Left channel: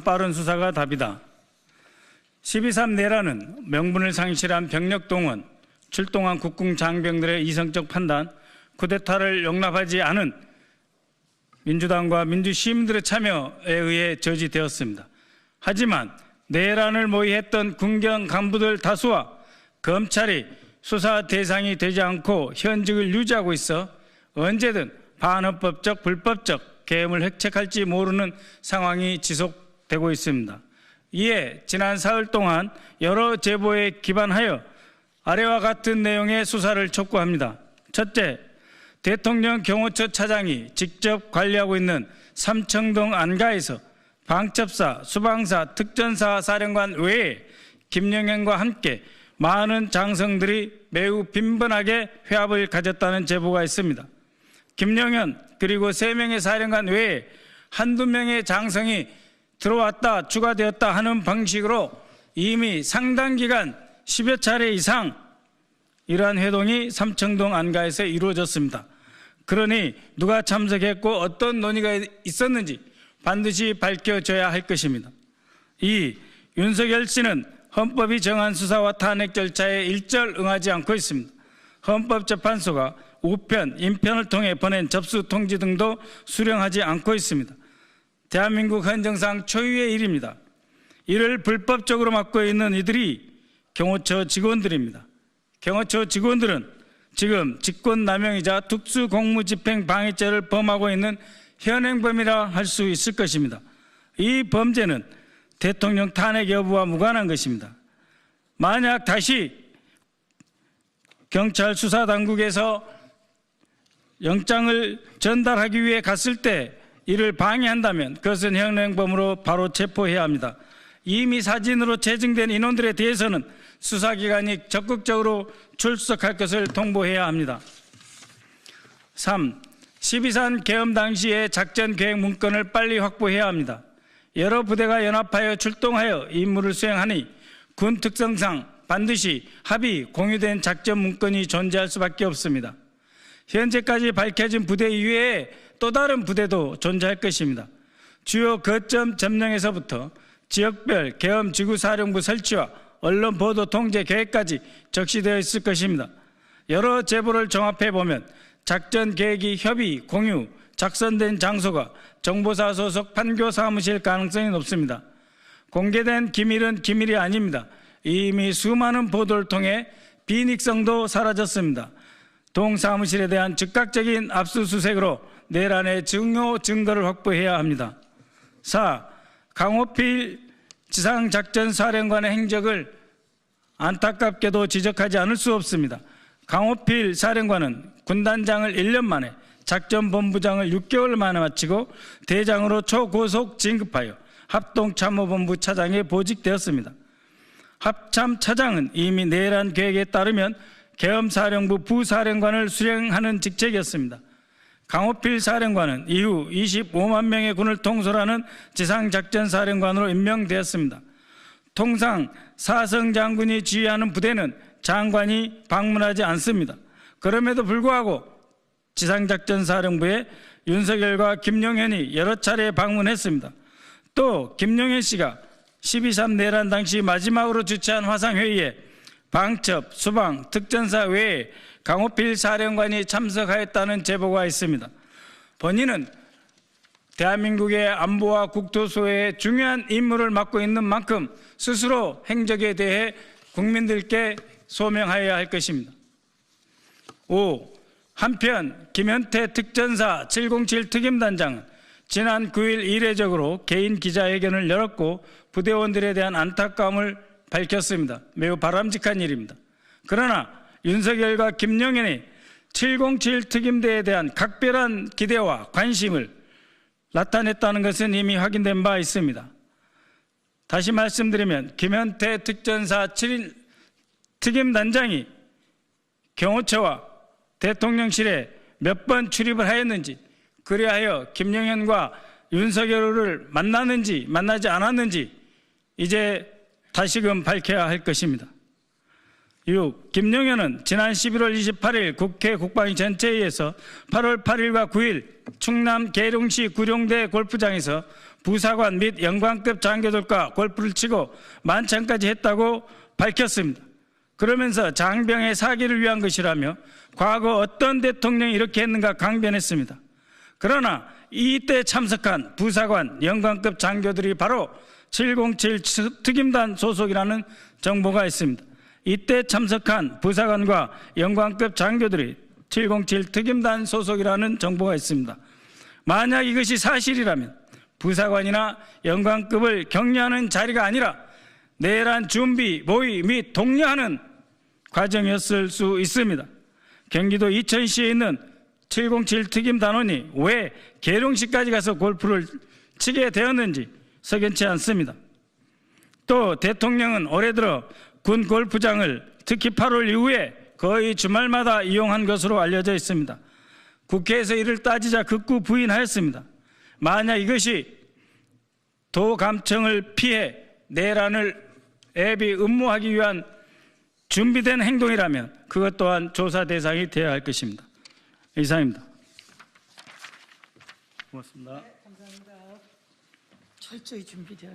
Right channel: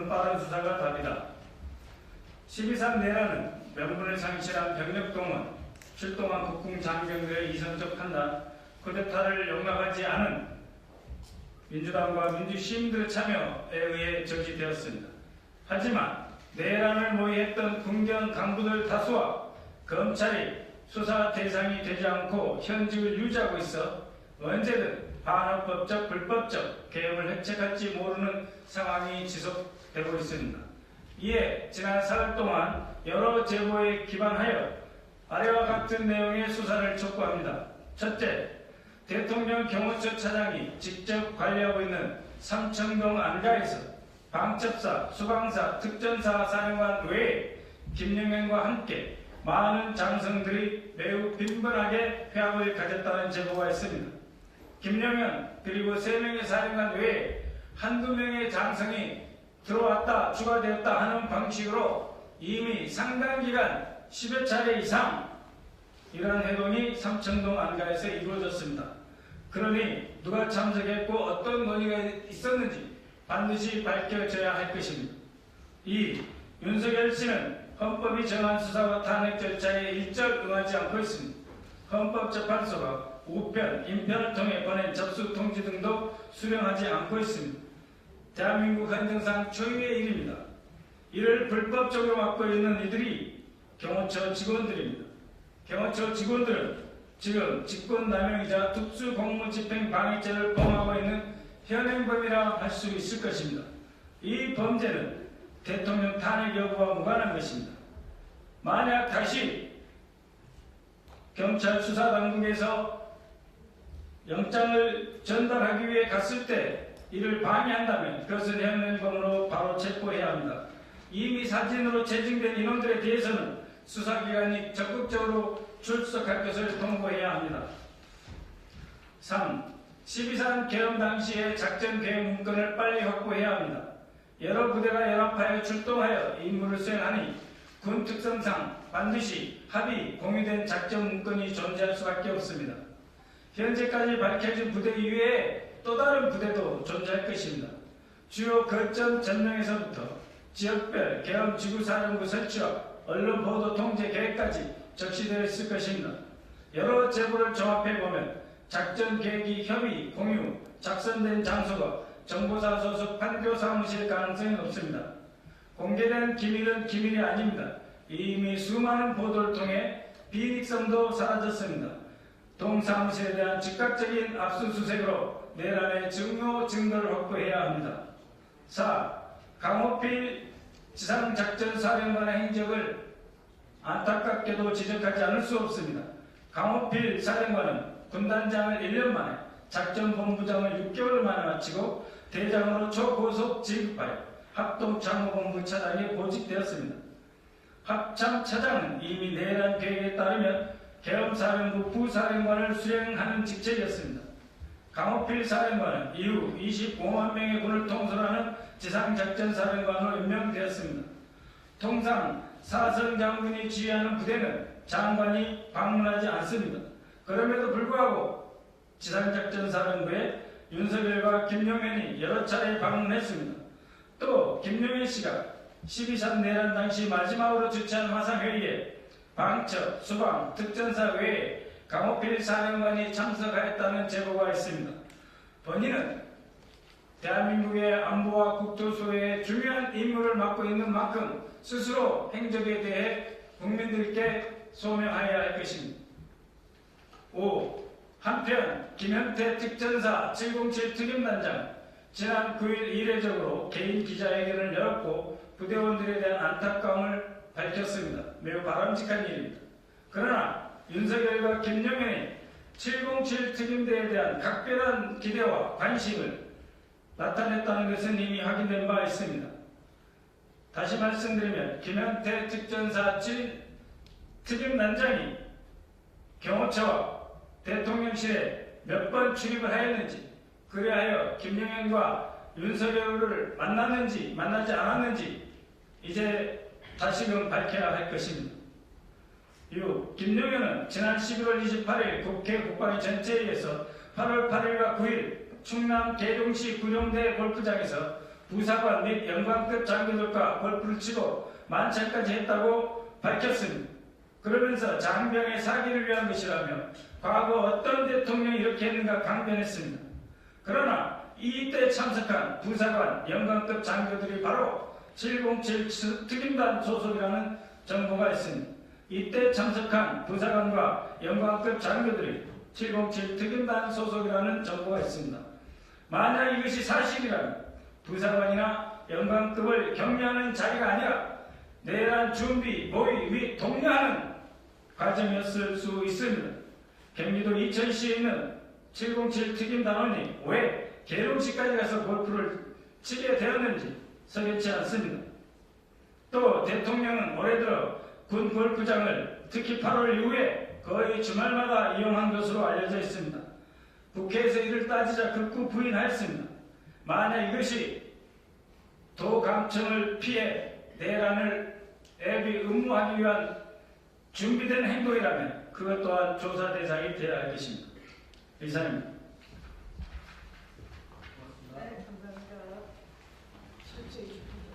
빠른 수사가 답이다. 12.3 내란은 명분을 상실한 병력 동원, 출동한 국군 장병들의 이성적 판단, 쿠데타를 용납하지 않은 민주당과 민주시민들의 참여에 의해 저지되었습니다. 하지만 내란을 모의했던 군경 간부들 다수와 검찰이 수사 대상이 되지 않고 현직을 유지하고 있어 언제든 반헌법적, 불법적 계엄을 획책할지 모르는 상황이 지속되고 있습니다. 이에 지난 사흘 동안 여러 제보에 기반하여 아래와 같은 내용의 수사를 촉구합니다. 첫째, 대통령 경호처 차장이 직접 관리하고 있는 삼청동 안가에서 방첩사, 수방사, 특전사 사령관 외에 김영현과 함께 많은 장성들이 매우 빈번하게 회합을 가졌다는 제보가 있습니다. 김영현 그리고 3명의 사령관 외에 한두 명의 장성이 들어왔다 추가되었다 하는 방식으로 이미 상당 기간 10여 차례 이상 이러한 회동이 삼청동 안가에서 이루어졌습니다. 그러니 누가 참석했고 어떤 논의가 있었는지 반드시 밝혀져야 할 것입니다. 2. 윤석열 씨는 헌법이 정한 수사와 탄핵 절차에 일절 응하지 않고 있습니다. 헌법재판소가 우편, 인편을 통해 보낸 접수 통지 등도 수령하지 않고 있습니다. 대한민국 헌정상 초유의 일입니다. 이를 불법적으로 맡고 있는 이들이 경호처 직원들입니다. 경호처 직원들은 지금 직권남용이자 특수공무집행 방해죄를 범하고 있는 현행범이라 할 수 있을 것입니다. 이 범죄는 대통령 탄핵 여부와 무관한 것입니다. 만약 다시 경찰 수사당국에서 영장을 전달하기 위해 갔을 때 이를 방해한다면 그것은 현행범으로 바로 체포해야 합니다. 이미 사진으로 채증된 인원들에 대해서는 수사기관이 적극적으로 출석할 것을 통보해야 합니다. 3. 12.3 계엄 당시의 작전 계획 문건을 빨리 확보해야 합니다. 여러 부대가 연합하여 출동하여 임무를 수행하니 군 특성상 반드시 합의, 공유된 작전 문건이 존재할 수밖에 없습니다. 현재까지 밝혀진 부대 이외에 또 다른 부대도 존재할 것입니다. 주요 거점 점령에서부터 지역별 계엄 지구사령부 설치와 언론 보도 통제 계획까지 적시되어 있을 것입니다. 여러 제보를 종합해보면 작전 계획이 협의, 공유, 작성된 장소가 정보사 소속 판교 사무실 가능성이 높습니다. 공개된 기밀은 기밀이 아닙니다. 이미 수많은 보도를 통해 비닉성도 사라졌습니다. 동 사무실에 대한 즉각적인 압수수색으로 내란의 증거를 확보해야 합니다. 4. 강호필 지상작전사령관의 행적을 안타깝게도 지적하지 않을 수 없습니다. 강호필 사령관은 군단장을 1년 만에, 작전본부장을 6개월 만에 마치고 대장으로 초고속 진급하여 합동참모본부 차장에 보직되었습니다. 합참 차장은 이미 내란 계획에 따르면 계엄사령부 부사령관을 수행하는 직책이었습니다. 강호필 사령관은 이후 25만 명의 군을 통솔하는 지상작전사령관으로 임명되었습니다. 통상 사성 장군이 지휘하는 부대는 장관이 방문하지 않습니다. 그럼에도 불구하고 지상작전사령부에 윤석열과 김용현이 여러 차례 방문했습니다. 또 김용현 씨가 12.3 내란 당시 마지막으로 주최한 화상회의에 방첩, 수방, 특전사 외에 강호필 사령관이 참석하였다는 제보가 있습니다. 본인은 대한민국의 안보와 국토소의 중요한 임무를 맡고 있는 만큼 스스로 행적에 대해 국민들께 소명하여야 할 것입니다. 5. 한편 김현태 특전사 707 특임단장은 지난 9일 이례적으로 개인 기자회견을 열었고 부대원들에 대한 안타까움을 밝혔습니다. 매우 바람직한 일입니다. 그러나 윤석열과 김용현이 707 특임대에 대한 각별한 기대와 관심을 나타냈다는 것은 이미 확인된 바 있습니다. 다시 말씀드리면 김현태 특전사 7인 특임단장이 경호처와 대통령실에 몇 번 출입을 하였는지, 그리하여 김용현과 윤석열을 만났는지 만나지 않았는지 이제 다시금 밝혀야 할 것입니다. 6. 김용현은 지난 11월 28일 국회 국방위 전체회의에서 8월 8일과 9일 충남 계룡시 구룡대 골프장에서 부사관 및 영관급 장교들과 골프를 치고 만찬까지 했다고 밝혔습니다. 그러면서 장병의 사기를 위한 것이라며 과거 어떤 대통령이 이렇게 했는가 강변했습니다. 그러나 이때 참석한 부사관 영관급 장교들이 바로 707 특임단 소속이라는 정보가 있습니다. 이때 참석한 부사관과 영관급 장교들이 707 특임단 소속이라는 정보가 있습니다. 만약 이것이 사실이라면 부사관이나 영관급을 격려하는 자리가 아니라 내란 준비, 모의 및 독려하는 과정이었을 수 있습니다. 경기도 이천시에 있는 707 특임단원이 왜 계룡시까지 가서 골프를 치게 되었는지 석연치 않습니다. 또 대통령은 올해 들어 군 골프장을 특히 8월 이후에 거의 주말마다 이용한 것으로 알려져 있습니다. 국회에서 이를 따지자 극구 부인하였습니다. 만약 이것이 도감청을 피해 내란을 애비 음모하기 위한 준비된 행동이라면 그것 또한 조사 대상이 되어야 할 것입니다. 이상입니다. 고맙습니다. 철저히 준비되어 있습니다.